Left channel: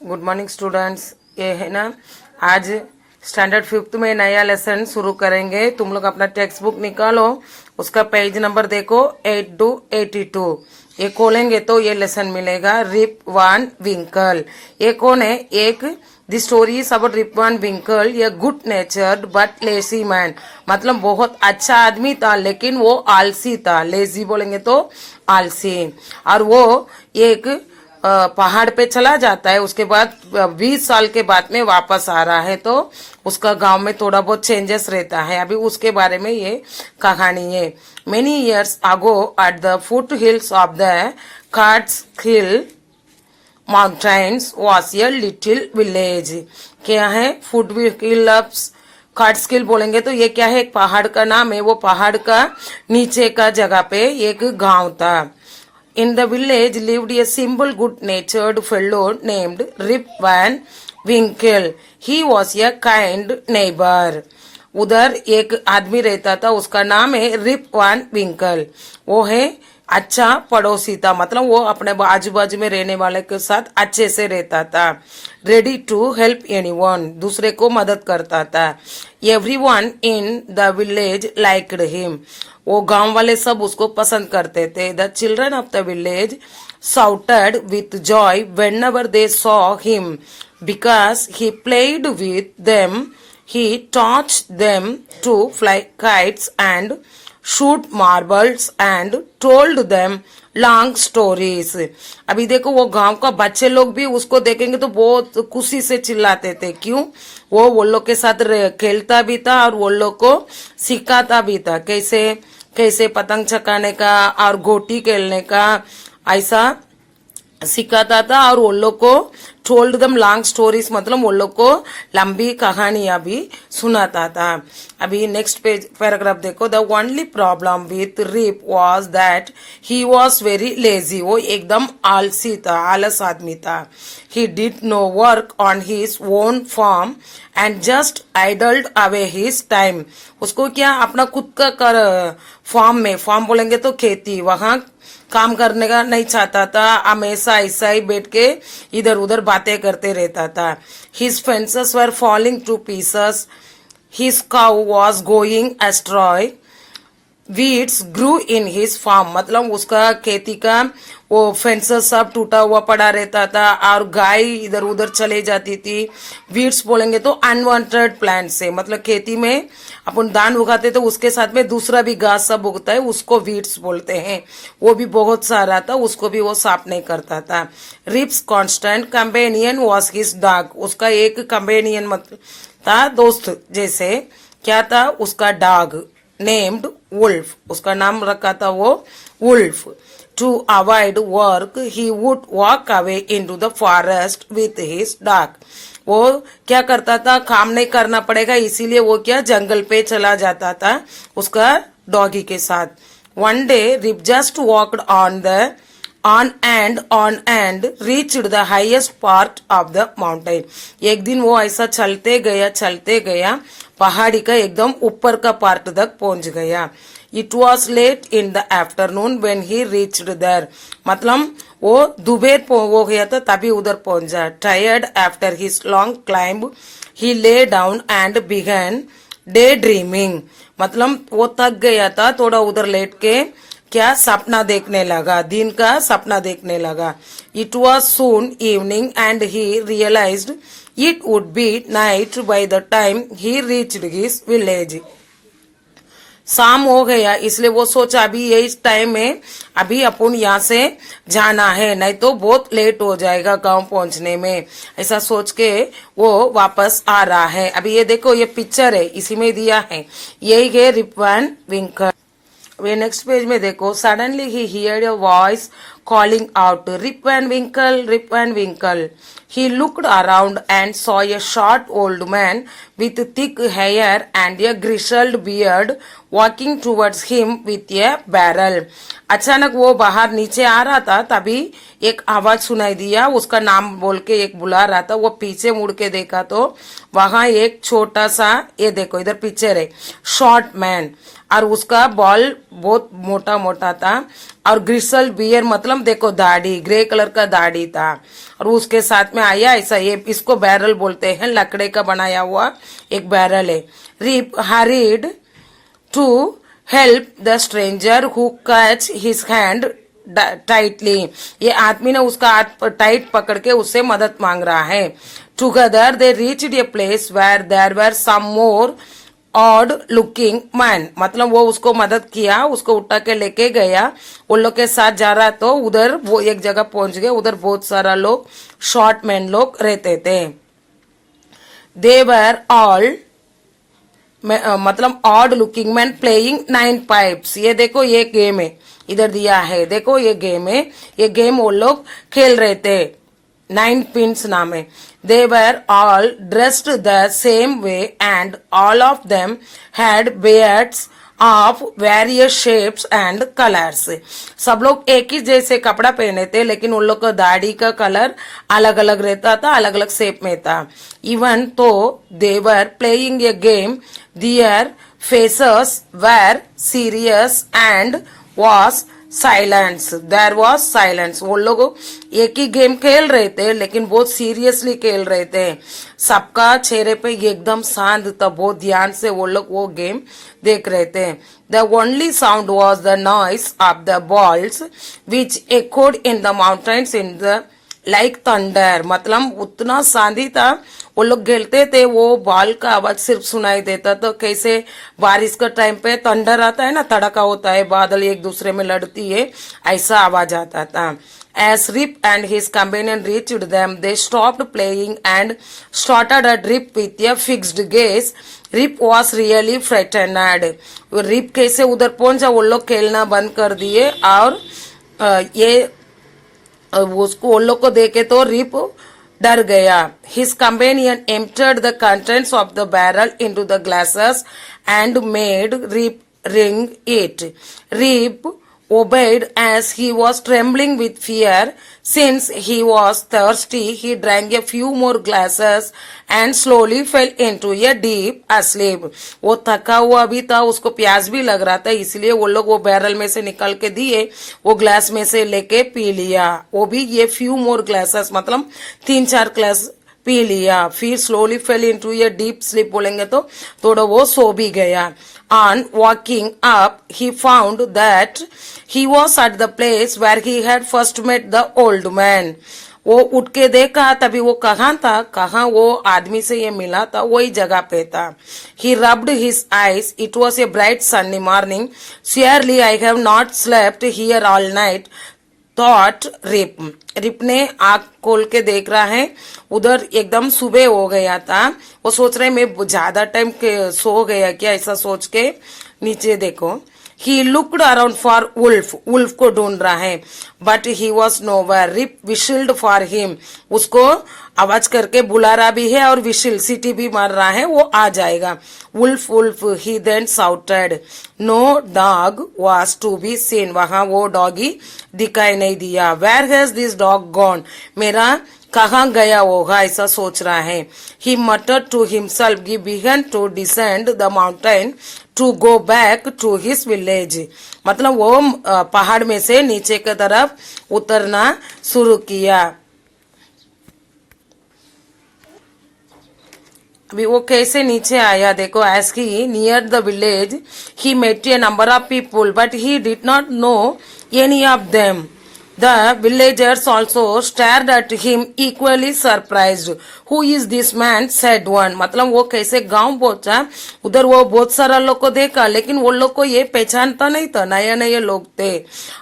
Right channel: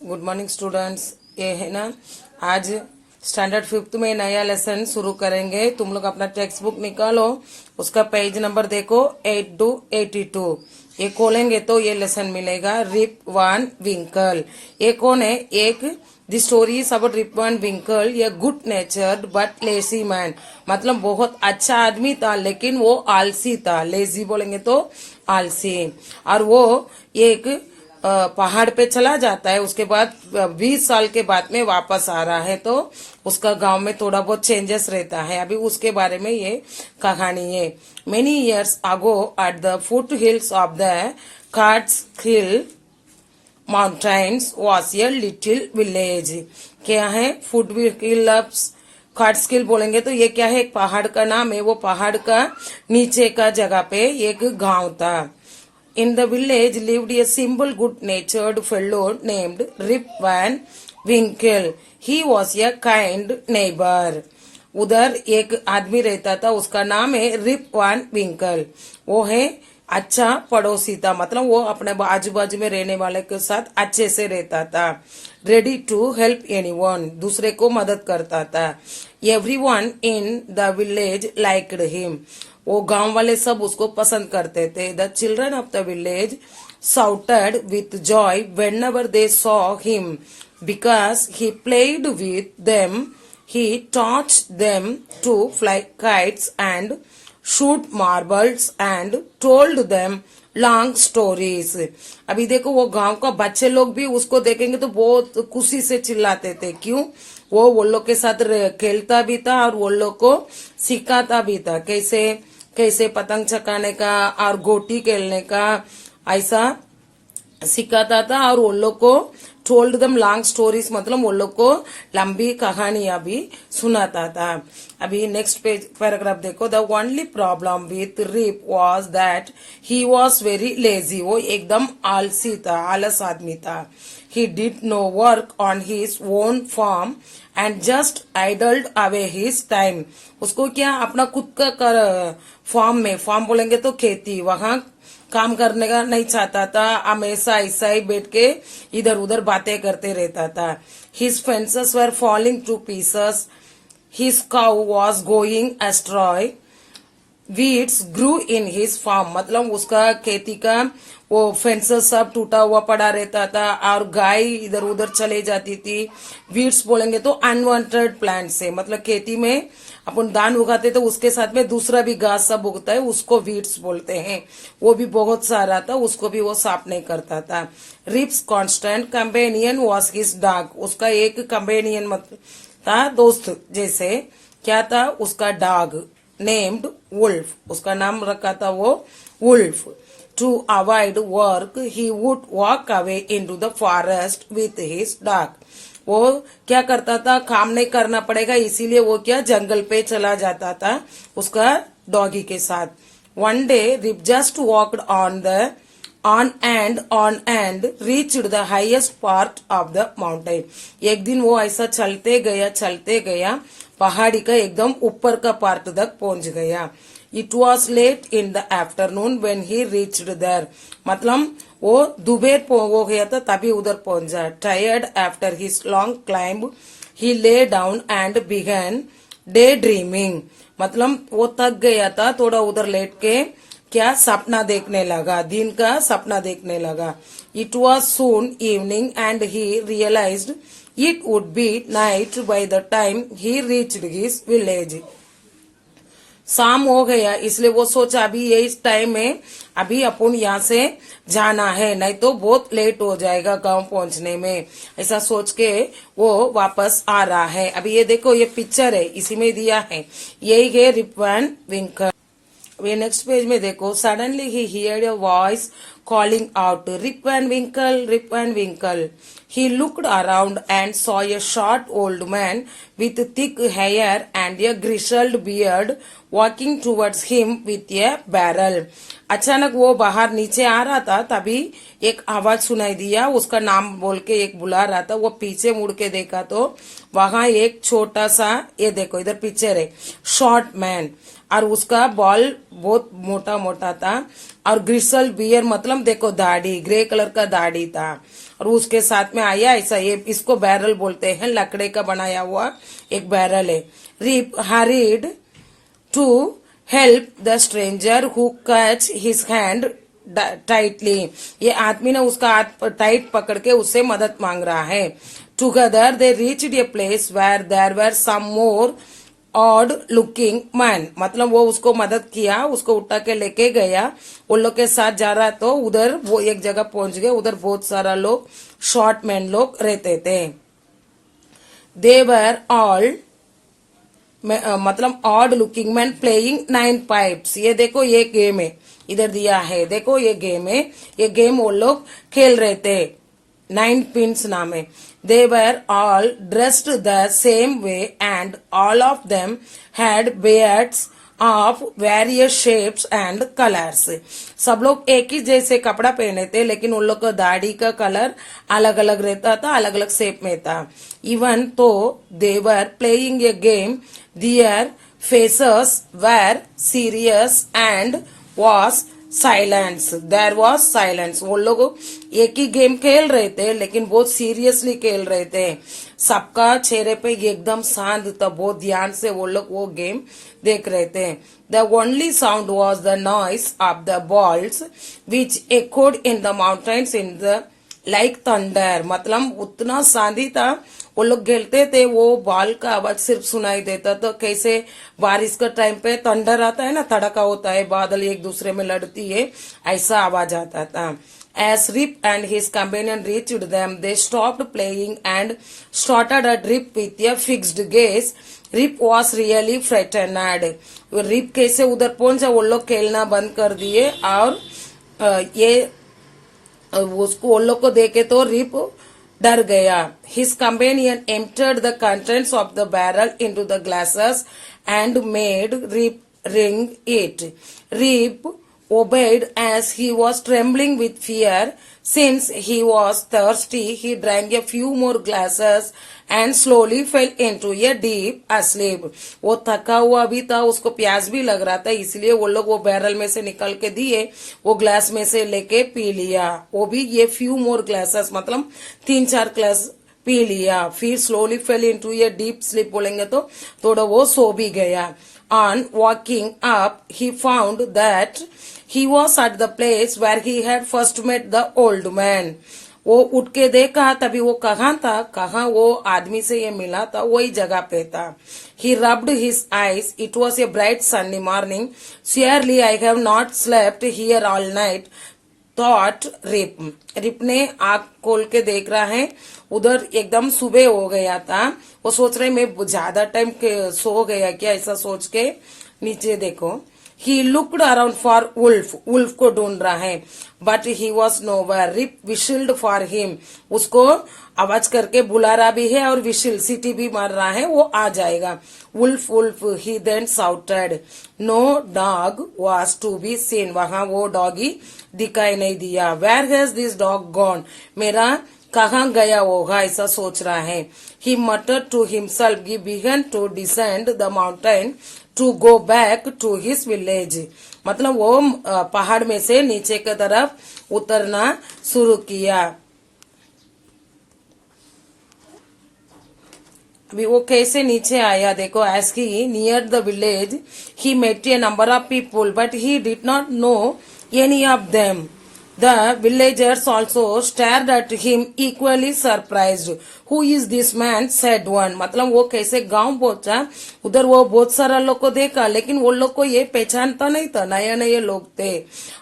Good morning students. ये है ना, आज स्टैंडर्ड 5th में नया लेसन शुरू करेंगे। तुम लोग अपना टेक्स्ट बुक निकालो, उसका पेज नंबर देखो 8 to 82। ये खोलेंगे तो ये लेसन मिलेगा, रिप वान विंकल। ये कौन है? एक the story is about Rip Van Winkle, ये good natured but lazy man. मतलब बहुत अच्छा आदमी था लेकिन वो आलसी था। लेजी बोलेंगे तो आलसी। और वो एक पहाड़ पे चला जाता है, उसके बाद 20 साल के बाद में वापस आ रहा है तो उसका गांव में थोड़ा बहुत चेंजेस रहता है। अभी उसके बारे में ये कहानी है। Many years ago at the foothills of the Catskill mountains was a little village. क्या है? फुट हिल्स कार्ट्सहिल बोलेंगे तो ये क्या है? एक पहाड़ का नाम है। वो पहाड़ का नीचे का जगह पे एक गांव था। In the village lived a simple, good-natured fellow named Rip Van Winkle. He was a kind neighbor. उधर एक आदमी रहता था, उसका नाम है रिप वान विंकल। वो है अच्छा पड़ोसी था, मतलब वो अपने आजू बाजू में रहने वाले के साथ अच्छे से रहता था। रेडी टू हेल्प एनीवन, दूसरे को मदद करता था। Everyone in the village liked him, वो गांव वाले सब उसको पसंद करते थे। The children of the village shouted with joy whenever they saw him because he played with them. He taught them to fly kites and shoot marbles and told them long stories. अभी देखो, वो गांव का बच्चे लोग भी उसको देखेंगे तो बहुत खुशी से चिल्लाते थे। क्यों? वो लोग के साथ खेलता भी था और वो लोग को सिखाता भी था कैसे कैसे पतंग चकाने का और गोटी खेलने का, ऐसा सिखाता था। और वो लोग को टोल्ड दम लॉन्ग स्टोरीज, मतलब वो लोग को लंबी कहानियां भी सुनाता था। अभी नेक्स्ट पेज पैराग्राफ देखो। The only problem with Rip was that he was very lazy, वो एकदम आलसी था, आलस आदमी था। He did no work on his own farm and just idled away his time. उसको क्या, अपना खुद का फार्म में, फार्म बोलेंगे तो खेती, वहां काम करने का नहीं चाहता था। हमेशा ऐसा ही बैठ के इधर उधर बातें करते रहता था। His fences were falling to pieces, his cow was going astray, weeds grew in his farm, मतलब उसका खेती का वो फेंसेस सब टूटा हुआ पड़ा रहता था और गाय इधर उधर चले जाती थी। वीड्स बोलेंगे तो अनवांटेड प्लांट से, मतलब खेती में अपन धान उगाते तो उसके साथ में दूसरा भी घास सब उगता है, उसको वीड्स बोलते हैं। वो भी बहुत सारा था, उसको भी वो साफ नहीं करता था। Rip's constant companion was his dog, उसका एक कंपेनियन मतलब था, दोस्त जैसे। क्या था? उसका डॉग नेम्ड वुल्फ, उसका नाम रखा था वो Wolf. To avoid work he would walk away into the forest with his dog. वो क्या करता था? काम नहीं करना पड़ेगा इसीलिए वो क्या, जंगल पे चला जाता था उसका डॉगी के साथ। One day Rip just walked on and reached the highest part of the mountain. एक दिन वो ऐसा चलते गया पहाड़ी का एकदम ऊपर का पार्ट तक पहुंच गया। It was late in the afternoon when he reached there. मतलब वो दोपहर हो गया था तभी उधर पहुंचा। Tired after his long climb, he lay down and began daydreaming. मतलब वो थक गया था, थोड़ा उधर लेट के क्या सपना देखने लगा, दिन का सपना देखने लगा। It was soon evening and he realized it would be night by the time he reached his village. शाम हो गया इसलिए वो सोचा अभी ये इस टाइम में अभी अपन यहाँ से जाना है, नहीं तो बहुत लेट हो जाएगा गांव पहुंचने में। ऐसा सोच के वो वापस आ रहा है। अभी ये देखो, ये पिक्चर है, इसी में दिया है, यही है रिप वान विंकल। वे नेक्स्ट पेज में देखो। Suddenly he heard a voice calling out, Rip Van Winkle, Rip Van Winkle. He looked around and saw a short old man with thick hair and a grizzled beard walking towards him with A barrel. अचानक वो बाहर नीचे आ रहा था, तभी एक आवाज सुनाई दिया, उसका नाम बोल के एक बुला रहा था। वो पीछे मुड़ के देखा तो वहां एक छोटा सा, ये देखो इधर पिक्चर है, शॉर्ट मैन, और उसका बॉल बहुत मोटा मोटा था, और ग्रिसल बियर मतलब देखो दाढ़ी, ग्रे कलर का दाढ़ी था, और उसके साथ में आया ऐसा, ये इसको बैरल बोलते हैं, लकड़े का बनाया हुआ एक बैरल है। Rip hurried to help the stranger who catch his hand tightly. ये आदमी ने उसका हाथ टाइट पकड़ के उससे मदद मांग रहा है। Together they reached a place where there were some more odd looking man, मतलब वो उसको मदद किया, उसको उठा के लेके गया, उन लोग के साथ जा रहा, तो उधर वो एक जगह पहुंच गए, उधर बहुत सारा लोग शॉर्ट मैन लोग रहते थे। दे वर ऑल मतलब odd looking man playing 9 pipes. ये देखो ये गेम है, इधर दिया है, देखो ये गेम है, ये गेम वो लोग खेल रहे थे, 9 पिंस नाम है। They were all dressed the same way and all of them had beards of various shapes and colors. सब लोग एक ही जैसे कपड़ा पहने थे, लेकिन उन लोग का दाढ़ी का कलर अलग अलग रहता था, अलग अलग शेप में था। Even though they were playing a game, their faces were serious and was silence, there was silence. वो लोग एक ही गेम खेल रहे थे, लेकिन बहुत सीरियसली खेल रहे थे, सबका चेहरे पे एकदम शांत था, बहुत ध्यान से वो लोग वो गेम देख रहे थे। The only sound was the noise of the balls which echoed in the mountains in the like thunder, मतलब उतना शांति था, वो लोग खेलते थे, वो बॉल का आवाज सिर्फ सुनाई देता। तो कैसे बारिश का टाइम पे थंडर आता है ना, तड़का होता है, बादल एक दूसरे में लड़ती है, ऐसा आवाज आता था। As Rip and his companion reached them, they stopped playing and started at Rip with a fixed gaze. Rip was really frightened. Rip कैसे उधर पहुंचा, वो लोग खेलना बंद कर दिए, और ये उसको उन लोग को देखे तो रिप डर गया। His companion emptied the contents of the barrel into the glasses and made Rip drink it. Rip obeyed as he was trembling with fear. Since he was thirsty, he drank a few more glasses and slowly fell into a deep asleep. वो थका हुआ भी था, उसको प्यास भी लग रहा था, इसलिए वो लोग वो बैरल में से निकल के दिए, वो ग्लास में से लेके पी लिया, वो भी ये few more glasses मतलब 3-4 ग्लास पी लिया। फिर slowly fail into a deep sleep बोलेंगे तो थोड़ा वो सो भी गया। On walking up, he found that he was at the place where he had first met the old man. वो उठ के देखा, तभी वो कहाँ था, कहाँ वो आदमी से ये मिला था, वही जगह पे था। He rubbed his eyes. It was a bright sunny morning. Surely I have not slept here all night. Thought Rip, Rip ने आंख खोल के देख रहा है, उधर एकदम सुबह हो गया था, वो सोच रहे मैं ज्यादा टाइम सो गया क्या, ऐसा सोच के नीचे देखो। He looked around for wolf, wolf को ढूंढ रहा है, but he was nowhere. Rip whistled for him, उसको आवाज करके बुला रहा भी है, और विशिल सीटी भी मार रहा है, वो आ जाएगा। Wolf wolf, he then shouted. No dog was to be seen, वहां वो डॉगी दिखाई नहीं दिया। Where has this dog gone, मेरा कहाँ गया होगा, ऐसा सोच रहा है। He muttered to himself, he began to descend the mountain to go back to his village, मतलब वो पहाड़ में से नीचे की तरफ उतरना शुरू किया। अभी वो कैसे नीचे आया देखो। As he near the village he met a number of people but he did not know any of them. The villagers also stared at him equally surprised. Who is this man? said one. मतलब वो कैसे गांव पहुंचा, उधर वो बहुत सारा लोग को देखा, लेकिन वो लोग को ये पहचानता नहीं था, नए नए लोग थे,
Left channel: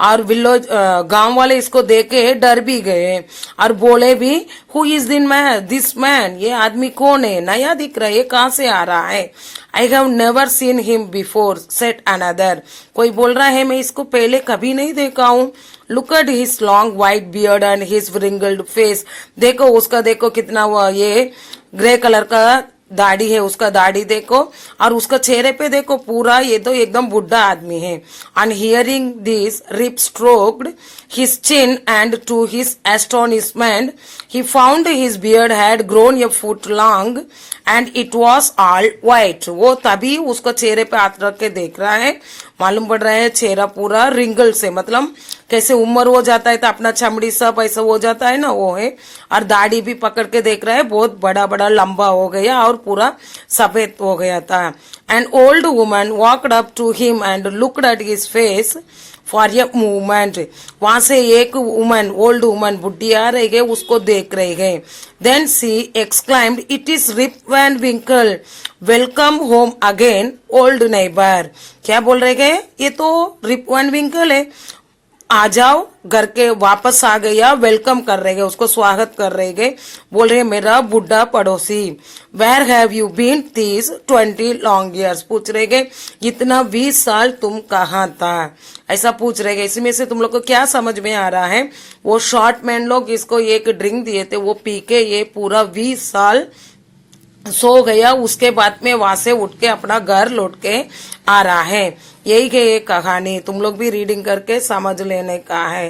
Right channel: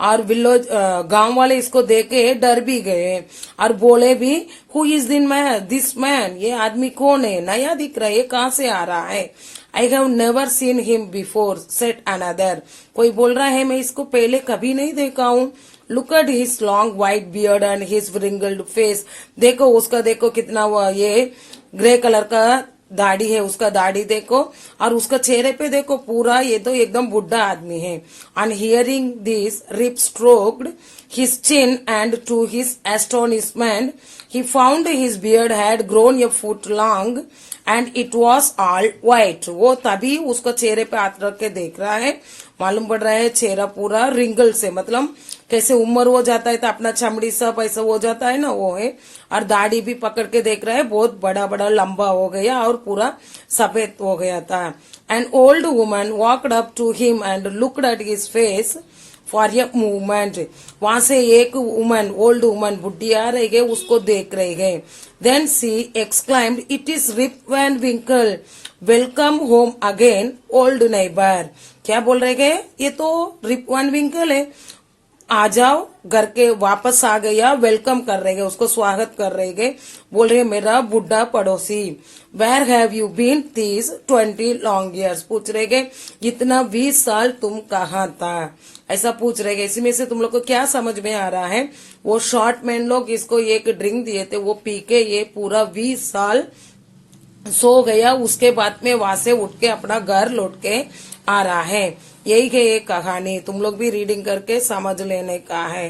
और विलेज गांव वाले इसको देखे डर भी गए और बोले भी, Who is this man? ये आदमी कौन है, नया दिख रहा है, ये कहाँ से आ रहा है। I have never seen him before, said another. कोई बोल रहा है मैं इसको पहले कभी नहीं देखा हूँ। Look at his long white beard and his wrinkled face. देखो उसका, देखो कितना वो ये ग्रे कलर का दाढ़ी है, उसका दाढ़ी देखो और उसका चेहरे पे देखो पूरा, ये तो एकदम बुढ़ा आदमी है। On hearing this Rip stroked his chin and to his astonishment he found his beard had grown a foot long and it was all white. वो तभी उसका चेहरे पे हाथ रख के देख रहा है, मालूम पड़ रहा है चेहरा पूरा रिंगल से, मतलब कैसे उम्र हो जाता है तो अपना चमड़ी सब ऐसा हो जाता है ना, वो है। और दाढ़ी भी पकड़ के देख रहा है, बहुत बड़ा बड़ा लंबा हो गया और पूरा सफेद हो गया था। An old woman walked up to him and looked at his face for a movement. वहां से एक वुमन, ओल्ड वुमन, बुढ़ी आ रही है, उसको देख रही है। Then she exclaimed, it is Rip Van Winkle, welcome home again old neighbour. क्या बोल रहे गए, ये तो रिप वैन विंकल है, आ जाओ, घर के वापस आ गया, वेलकम कर रहे गए, उसको स्वागत कर रहे गए। बोल रहे मेरा बुढ़ा पड़ोसी। Where have you been this 20 long years, पूछ रहे गए इतना 20 साल तुम कहाँ था, ऐसा पूछ रहे गए। इसमें से तुम लोग को क्या समझ में आ रहा है, वो शॉर्ट मैन लोग इसको एक ड्रिंक दिए थे, वो पी के ये पूरा 20 साल सो गया, उसके बाद में वहां से उठ के अपना घर लौट के आ रहा है। यही है ये कहानी, तुम लोग भी रीडिंग करके समझ लेने का है।